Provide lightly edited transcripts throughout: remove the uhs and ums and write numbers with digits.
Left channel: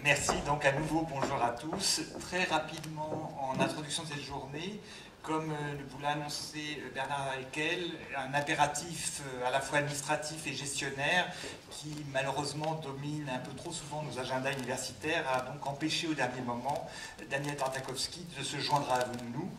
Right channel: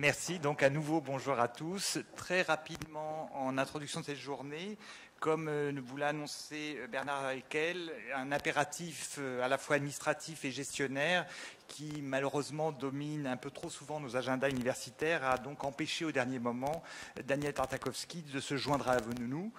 Merci, donc à nouveau bonjour à tous. Très rapidement, en introduction de cette journée, comme vous l'a annoncé Bernard Haeckel, un impératif à la fois administratif et gestionnaire qui malheureusement domine un peu trop souvent nos agendas universitaires a donc empêché au dernier moment Daniel Tartakovsky de se joindre à nous.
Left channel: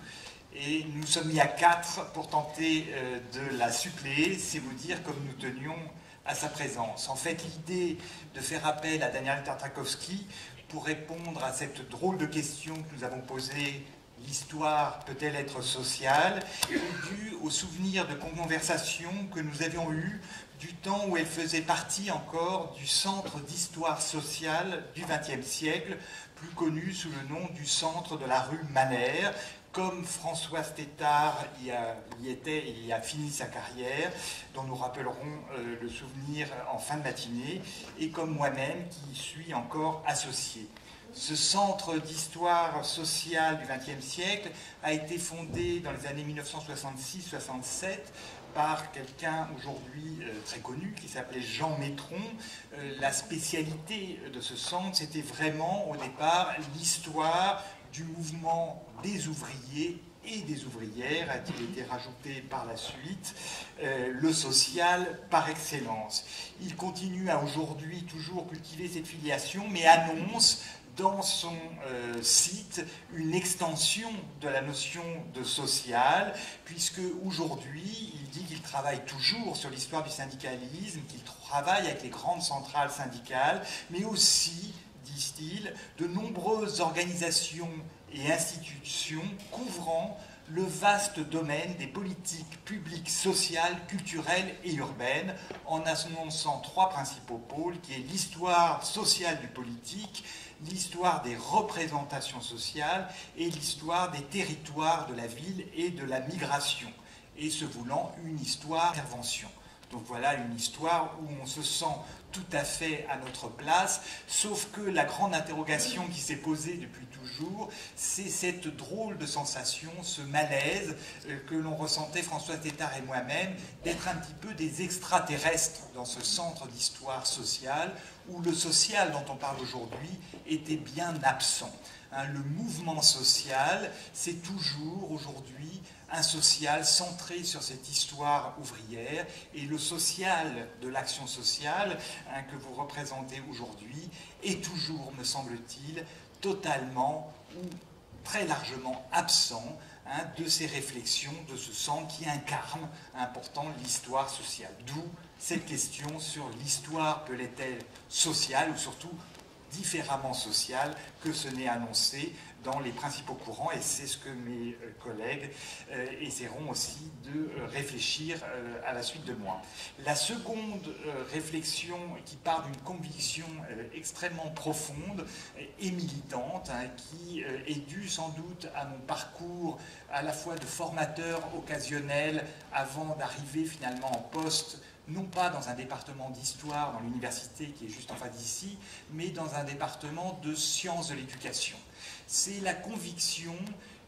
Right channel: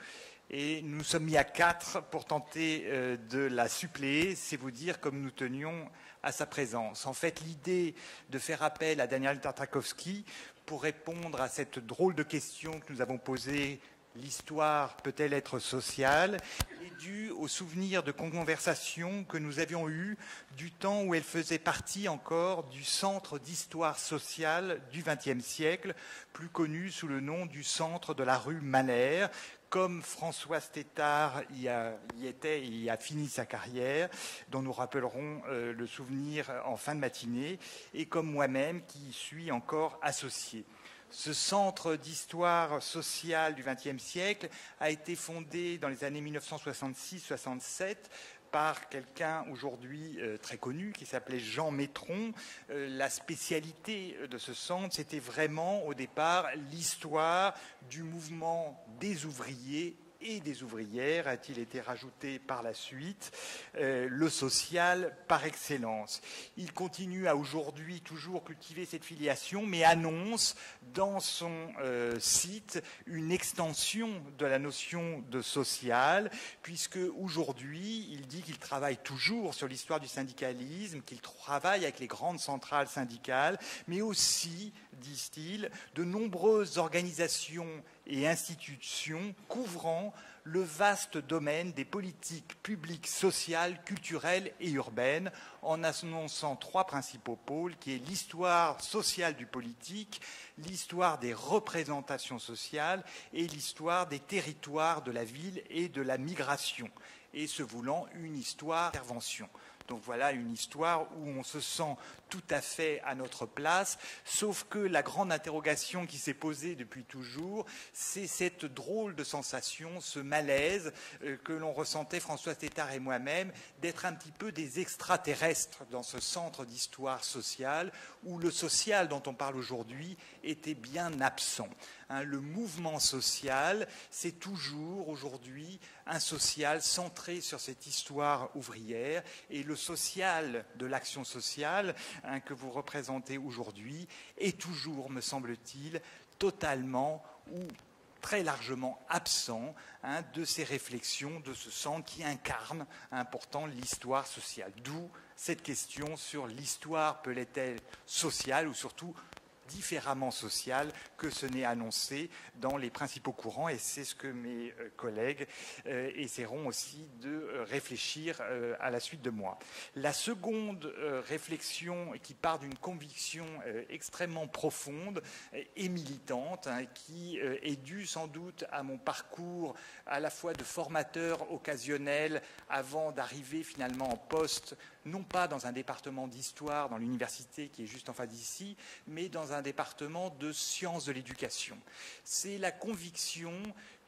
Et nous sommes mis à 4 pour tenter de la suppléer, c'est vous dire comme nous tenions à sa présence. En fait, l'idée de faire appel à Daniel Tartakovsky pour répondre à cette drôle de question que nous avons posée, l'histoire peut-elle être sociale, est due au souvenir de conversations que nous avions eues du temps où elle faisait partie encore du Centre d'histoire sociale du XXe siècle, plus connu sous le nom du Centre de la rue Malher, comme Françoise Tétard y était et y a fini sa carrière, dont nous rappellerons le souvenir en fin de matinée, et comme moi-même qui y suis encore associé. Ce centre d'histoire sociale du XXe siècle a été fondé dans les années 1966-67 par quelqu'un aujourd'hui très connu qui s'appelait Jean Métron. La spécialité de ce centre, c'était vraiment au départ l'histoire du mouvement des ouvriers et des ouvrières, a-t-il été rajouté par la suite, le social par excellence. Il continue à aujourd'hui toujours cultiver cette filiation, mais annonce dans son site une extension de la notion de social, puisque aujourd'hui, il dit qu'il travaille toujours sur l'histoire du syndicalisme, qu'il travaille avec les grandes centrales syndicales, mais aussi, disent-ils, de nombreuses organisations et institutions couvrant le vaste domaine des politiques publiques, sociales, culturelles et urbaines, en annonçant 3 principaux pôles, qui est l'histoire sociale du politique, l'histoire des représentations sociales et l'histoire des territoires de la ville et de la migration, et se voulant une histoire d'intervention. Donc voilà une histoire où on se sent tout à fait à notre place, sauf que la grande interrogation qui s'est posée depuis toujours, c'est cette drôle de sensation, ce malaise que l'on ressentait, François Tétard et moi-même, d'être un petit peu des extraterrestres dans ce centre d'histoire sociale, où le social dont on parle aujourd'hui était bien absent. Le mouvement social, c'est toujours aujourd'hui un social centré sur cette histoire ouvrière, et le social de l'action sociale que vous représentez aujourd'hui est toujours, me semble-t-il, totalement ou très largement absent de ces réflexions, de ce centre qui incarne pourtant l'histoire sociale. D'où cette question sur l'histoire peut-elle sociale, ou surtout différemment sociale, que ce n'est annoncé dans les principaux courants, et c'est ce que mes collègues essaieront aussi de réfléchir à la suite de moi. La seconde réflexion, qui part d'une conviction extrêmement profonde et militante, qui est due sans doute à mon parcours à la fois de formateur occasionnel avant d'arriver finalement en poste, non pas dans un département d'histoire dans l'université qui est juste en face d'ici, mais dans un département de sciences de l'éducation. C'est la conviction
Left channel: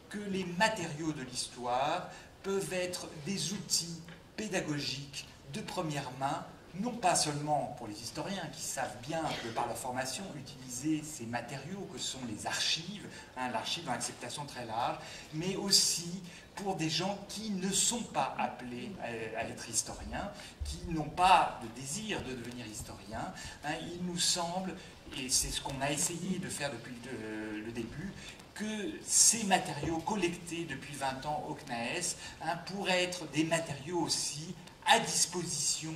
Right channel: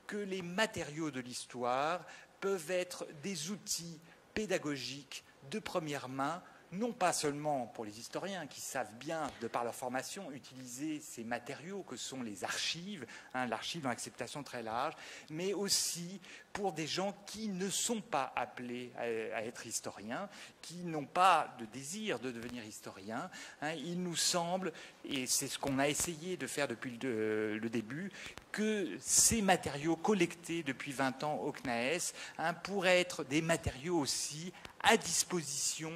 que les matériaux de l'histoire peuvent être des outils pédagogiques de première main, non pas seulement pour les historiens qui savent bien que par leur formation utiliser ces matériaux que sont les archives, l'archive dans l'acceptation très large, mais aussi pour des gens qui ne sont pas appelés à être historiens, qui n'ont pas de désir de devenir historiens. Il nous semble, et c'est ce qu'on a essayé de faire depuis le début, que ces matériaux collectés depuis 20 ans au CNAES pourraient être des matériaux aussi à disposition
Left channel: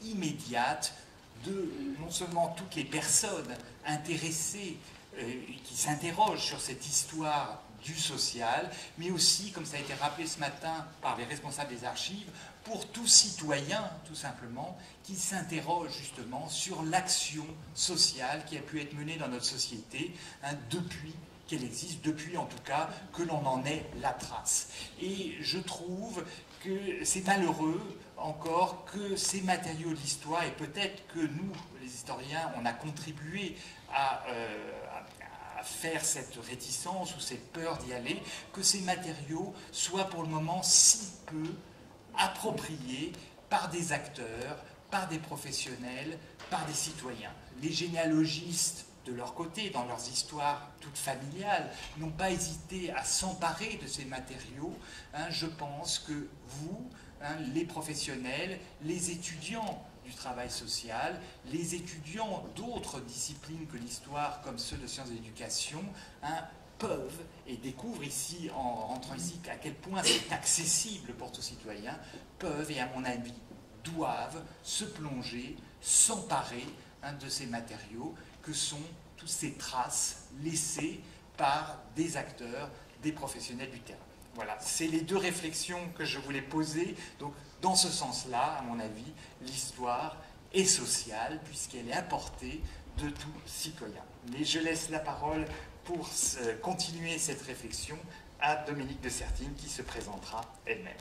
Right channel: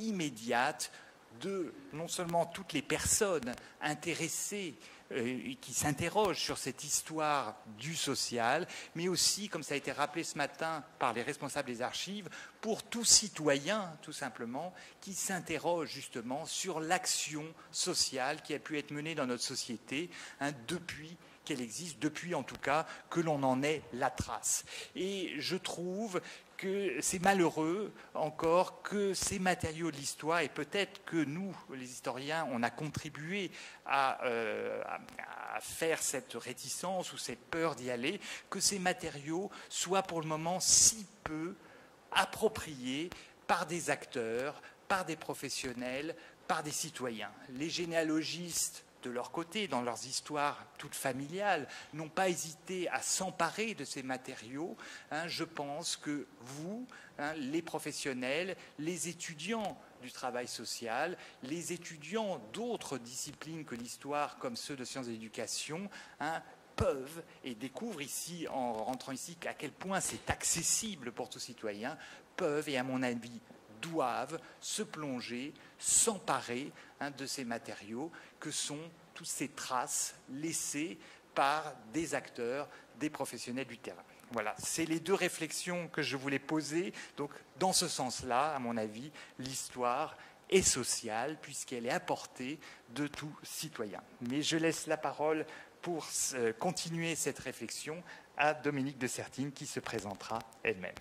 immédiate de non seulement toutes les personnes intéressées qui s'interrogent sur cette histoire du social, mais aussi, comme ça a été rappelé ce matin par les responsables des archives, pour tout citoyen, tout simplement, qui s'interroge justement sur l'action sociale qui a pu être menée dans notre société depuis qu'elle existe, depuis en tout cas que l'on en ait la trace. Et je trouve que c'est malheureux encore que ces matériaux de l'histoire, et peut-être que nous, les historiens, on a contribué à faire cette réticence ou cette peur d'y aller, que ces matériaux soient pour le moment si peu appropriés par des acteurs, par des professionnels, par des citoyens. Les généalogistes de leur côté, dans leurs histoires toutes familiales, n'ont pas hésité à s'emparer de ces matériaux. Je pense que vous, les professionnels, les étudiants du travail social, les étudiants d'autres disciplines que l'histoire, comme ceux de sciences de l'éducation, peuvent et découvrent ici, en rentrant ici, à quel point c'est accessible pour tout citoyen, peuvent et à mon avis doivent se plonger, s'emparer de ces matériaux que sont toutes ces traces laissées par des acteurs, des professionnels du terrain. Voilà, c'est les deux réflexions que je voulais poser. Donc, dans ce sens-là, à mon avis, l'histoire est sociale puisqu'elle est apportée de tout citoyen. Mais je laisse la parole pour continuer cette réflexion à Dominique de Sertine qui se présentera elle-même.